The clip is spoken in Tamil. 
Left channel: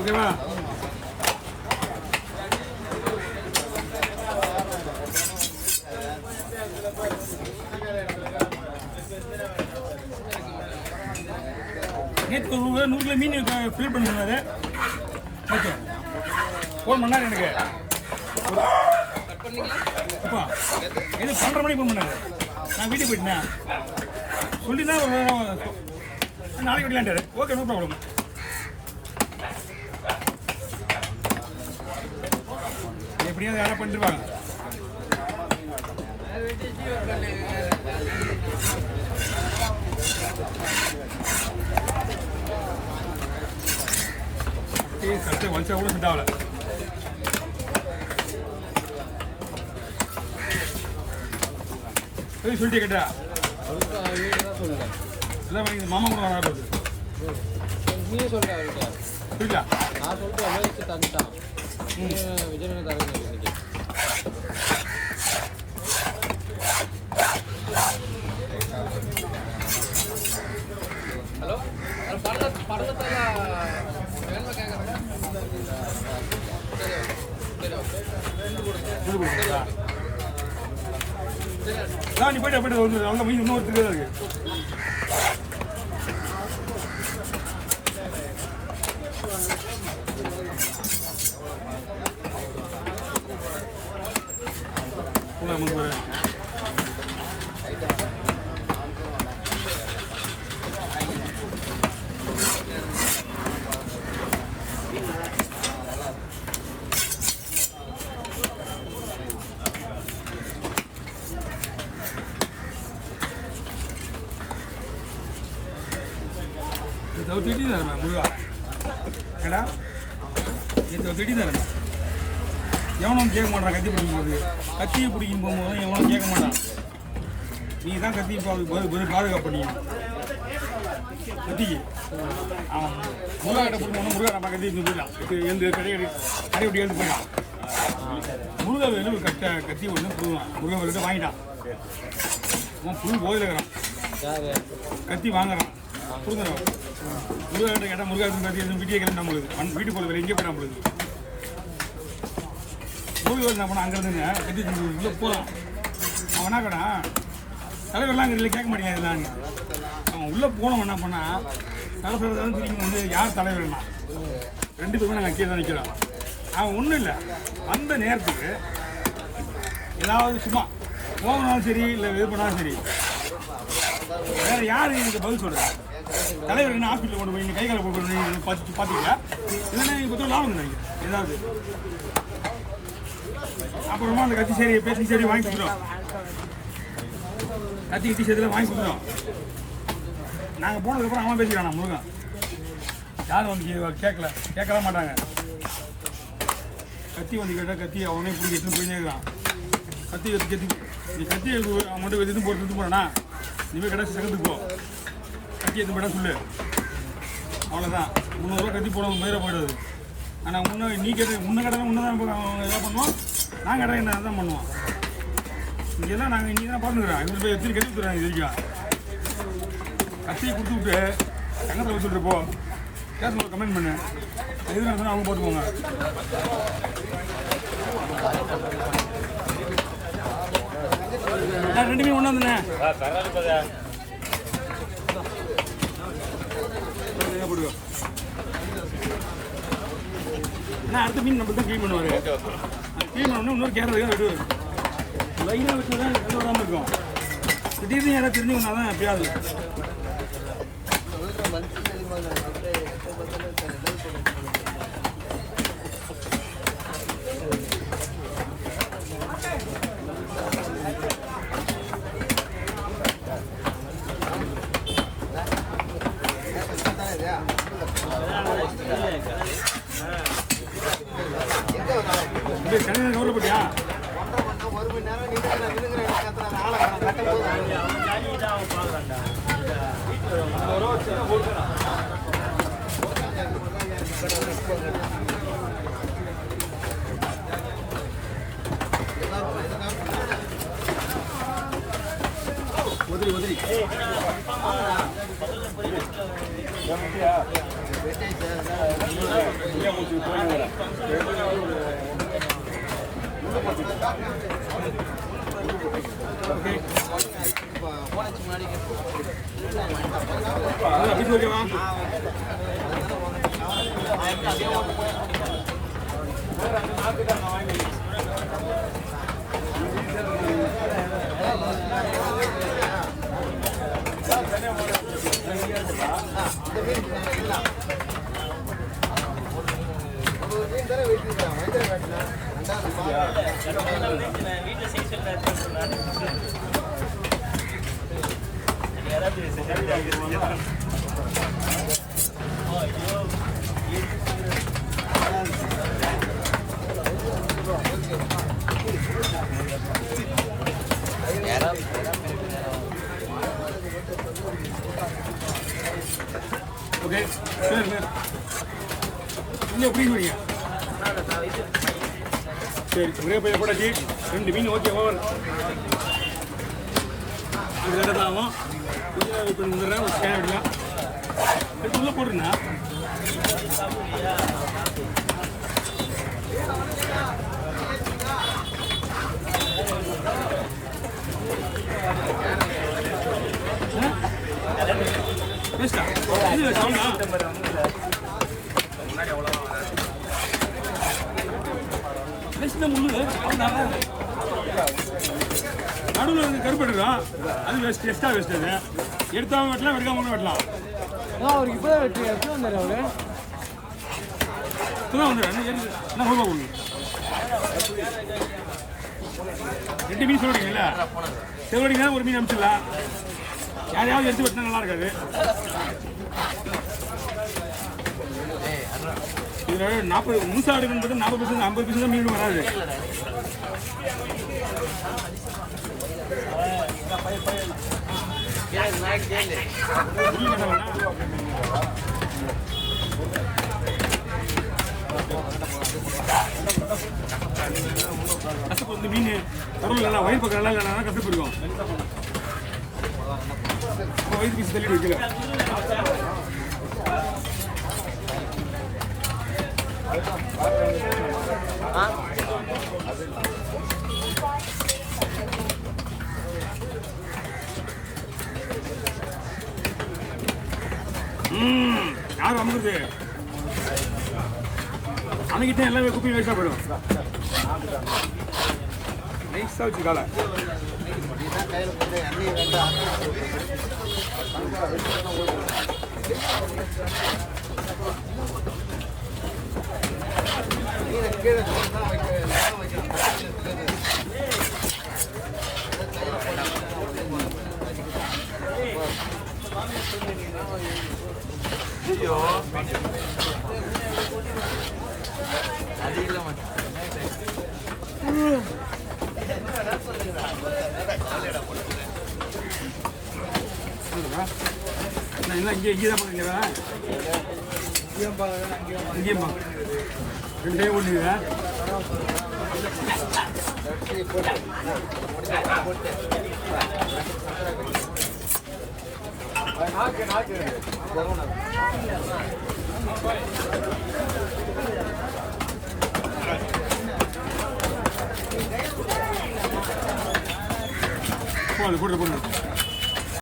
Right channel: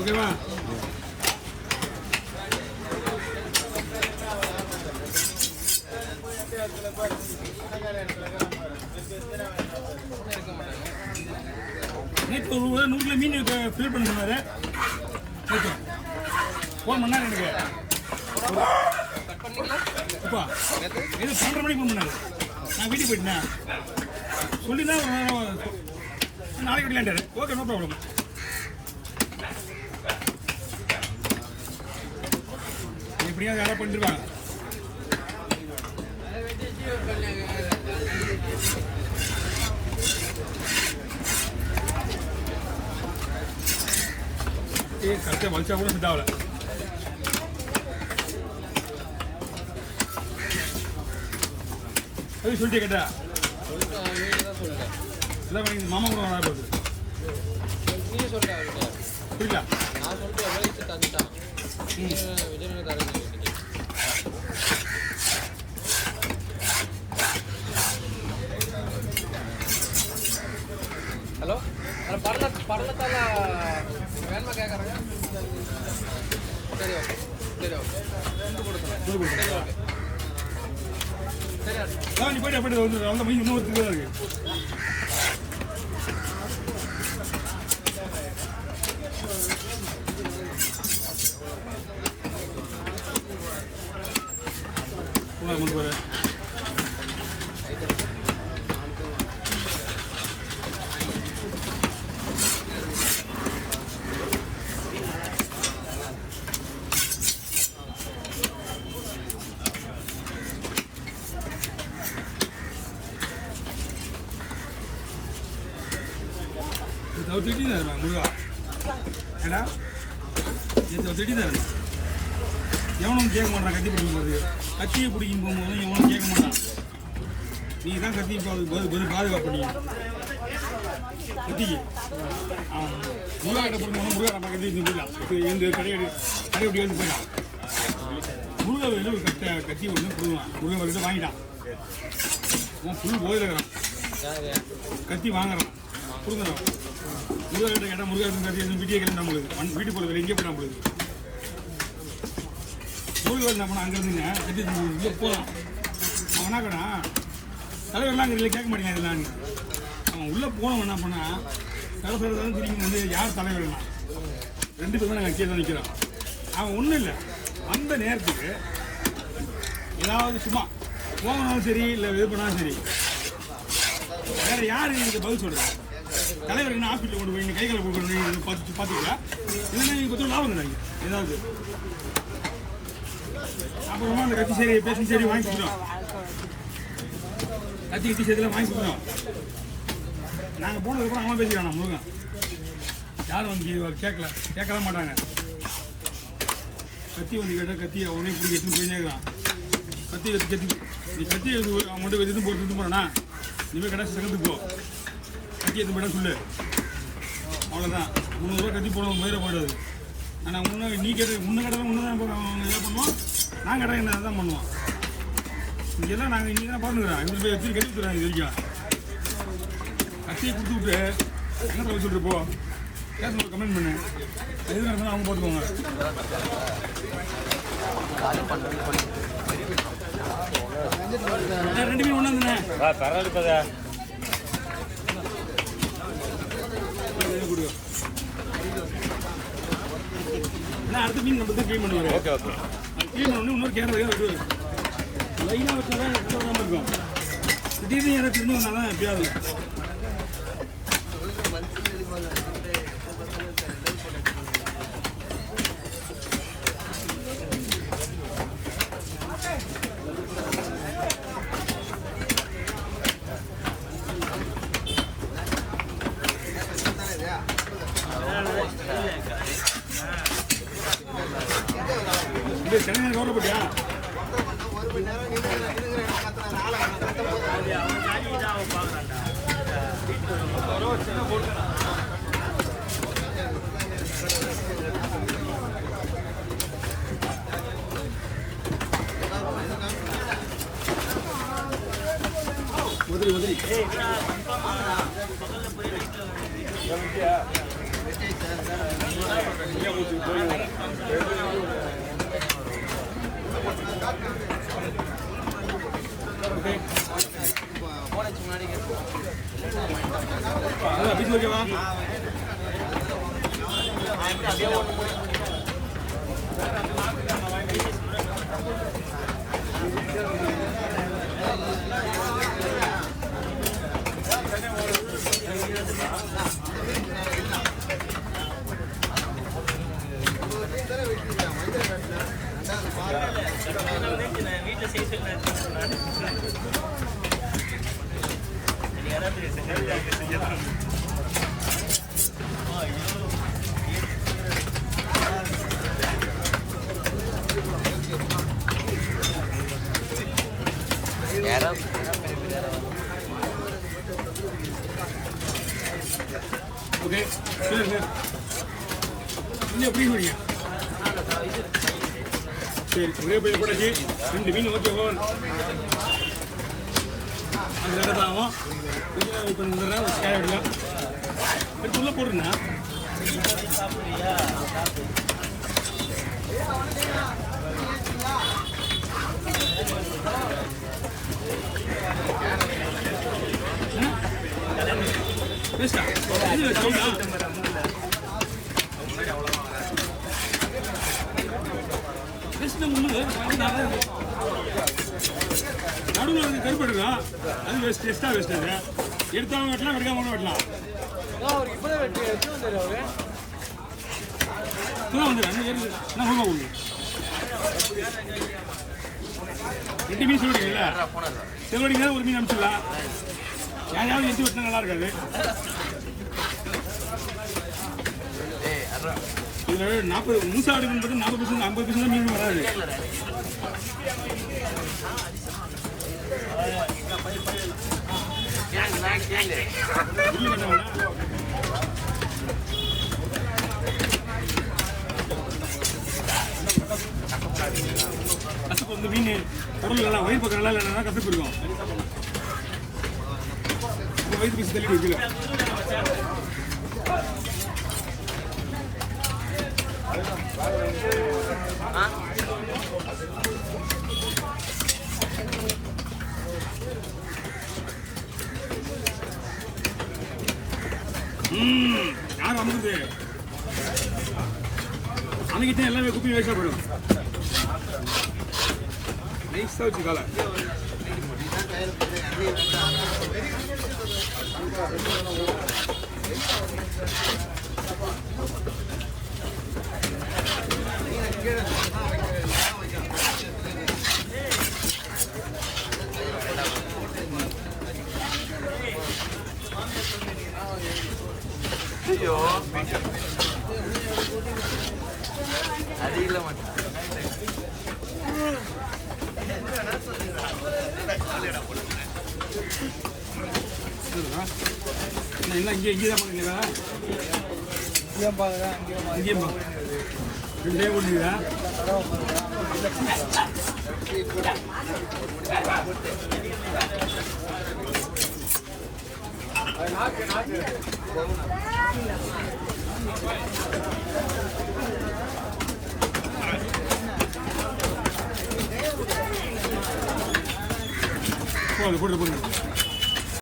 ஓகேவா? நேற்று ஒரு 100 கிலோ மீன் ஃபில் பண்ண சொன்னார். ஓகே, ஃபோன் பண்ணார் எனக்கு. அப்பா எது 12:30 மணிக்கு ஃபோன் பண்ணார். நான் வீட்டுக்கு போயிட்டேன். சொல்லி தான் நாளைக்கு விடலான்ட்டாரு. Okay, no problem. எப்படியாவது யாராவது பண்ணிருவாங்க. கஷ்ட வலிச்சா கூட செட் ஆகல. சொல்லிட்டே கேட்டா எல்லாம் வாங்கி மாமா கூட வர போகுது. நீ சொல்ற புரியல? நான் சொல்லிட்டு தந்துட்டான். விஜயநகர் தரேன். நீ போயிட்டு அந்த மீன் இன்னும் ஒருத்தர் தான் இருக்கு. முன்பு வர திடீர்னு முருகா ஏடா திடீர்னு எவனும் கேட்க மாட்டான். கத்தி பிடிக்கும் போது கத்தியை பிடிக்கும் போகும்போது எவனும் கேட்க மாட்டான். நீ தான் கத்தி பாதுகாப்பு பண்ணி கத்திக்கு அவன் முருகா கிட்ட பிடிக்கணும். முருகா நம்ம கத்தி போயிடலாம். எழுந்து கடை விட்டு எழுந்து போயிடலாம். முருகா வேலை ஒரு கத்தி ஒன்று பிடிக்கலாம். முருகா வேலை வாங்கிட்டான். அவன் ஃபுல் போயில் இருக்கிறான். கத்தி வாங்குறான். கொடுக்குறான். முருகா கிட்ட கேட்டால் முருகா கத்தி வீட்டியே கிளம்பி நம்மளுக்கு வீட்டு போல வேலை எங்கே போய் நம்மளுக்கு முருகா என்ன பண்ணால் அங்கேருந்துங்க கத்தி உள்ளே போகலாம். அவன் என்ன கடா தலைவர்லாம் அங்கே இல்லை கேட்க மாட்டேங்க. நான் அவன் உள்ளே போனவன் என்ன பண்ணால் தலைவர் திரும்பி வந்து யார் தலைவர்னா 2 பேருமே நாங்கள் கீழே தான் நிற்கிறோம். அவன் ஒன்றும் இல்லை. அந்த நேரத்துக்கு ஏதாவது சும்மா போகணும்னாலும் சரி இல்லை இது பண்ணாலும் சரி வேறு யார் இதுக்கு பதில் சொல்கிறேன். தலைவர் என்ன ஹாஸ்பிட்டல் கொண்டு போய் கை காலை போட்டு பார்த்தீங்களா? இல்லைன்னா நீங்கள் பற்றி லாபம் நினைக்கிறேன் ஏதாவது. அப்புறமா அந்த கட்சி சரி பேசி சரி வாங்கி கொடுத்துரும். கட்சி சரியெல்லாம் வாங்கி கொடுத்துரும். நாங்கள் போனதுக்கப்புறம் அவன் பேசிக்கிறான். முருகன் யாரும் வந்து கேட்கலாம் மாட்டாங்க. கத்தி வந்து கேட்டால் கத்தி அவனே பிடிச்சி எடுத்துன்னு போயினே இருக்கிறான். கத்தி நீ கத்தி அவன் மட்டும் எடுத்துன்னு போகிறேன்னா இனிமேல் கடைசி சகத்துக்கு போ. கத்தி எடுத்து போய்ட்டா சொல்லு. அவ்வளோதான். 300 ரூபா கத்தி போட மயிர போயிடுது. ஆனால் நீ கேட்ட முன்ன கேட்டால் முன்னே தான் அவங்க எதாவது பண்ணுவோம். நாங்கள் கேட்டால் என்ன தான் பண்ணுவோம். இங்கெல்லாம் நாங்கள் இங்கே தான் பார்த்துக்கிறோம். இவங்க போய் எப்படி கட்டி கொடுத்துறாங்க. இது வரைக்கும் கத்தியை கொடுத்து விட்டு எங்கே சொல்லிட்டு போ கேஸ் ஒரு கமெண்ட் பண்ணு. எது நடந்தாலும் அவங்க போட்டுக்கோங்க. ரெண்டுமே ஒன்றாந்துங்க. ஏன்னா அடுத்த மீன் நம்ம தான் க்ளீன் பண்ணுவார். க்ளீன் பண்ணோடனே இன்னொரு கேமரா விடுவார். லைனாக வச்சு தான் எந்த விடாமல் இருக்கும். திடீர்னு யாராவது தெரிஞ்சு வந்தால் தான் எப்படியாவது சென்னை கவலைப்பட்டியா? உதிரி உதிரி ஓகே அதான் பீஸ் ஓகேவா? ஓகே சரி சார் இல்லை எப்படி வரீங்க? சரி ஒரே பையன் போட்டாச்சு. 2 மீன் ஓகே ஓவர். அது ரெண்டாக ஆகும். இப்போ வந்துடுறேன் ஒரு ஸ்கேன் எடுக்கலாம். எடுத்து உள்ளே போடுறேண்ணா. பெஸ்ட்டா இது வேஸ்டா? பெஸ்ட் முள்ளு நடுவில் வந்து கருப்பு எடுக்கலாம். அது வேஸ்ட் எக்ஸ்ட்ரா வேஸ்ட். அது எடுத்தாமல் வெட்டலாம், வெடிக்காமல் வெட்டலாம். இப்போதான் வந்து என்ன சொல்லுவா ஒன்று 2 மீன் சொல்லிட்டீங்கல்ல, செவடிங்க ஒரு மீன் அனுப்பிச்சிடலாம். யாரையாவது எடுத்து வெட்டினா நல்லா இருக்காது. இதில் 40 முழுசா எடுக்கணுன்றது 40% 50% தான் மீன் வராது. கசப்பு வந்து மீன் பொருள் எல்லாம் வயிறு பக்கம் நல்லா இல்லைன்னா கசப்பு இருக்கும். அப்போ வயிறு பீஸ் தள்ளி வைக்கல. யார் வந்துருது? அன்னைக்கிட்ட எல்லாமே குப்பி வேஸ்டா போயிடும். நைஸா வச்சு காலை ஐயோ அதிகம் இங்கேதான் இங்கேயும் 2 டைம் பண்ணிடுங்க. போடு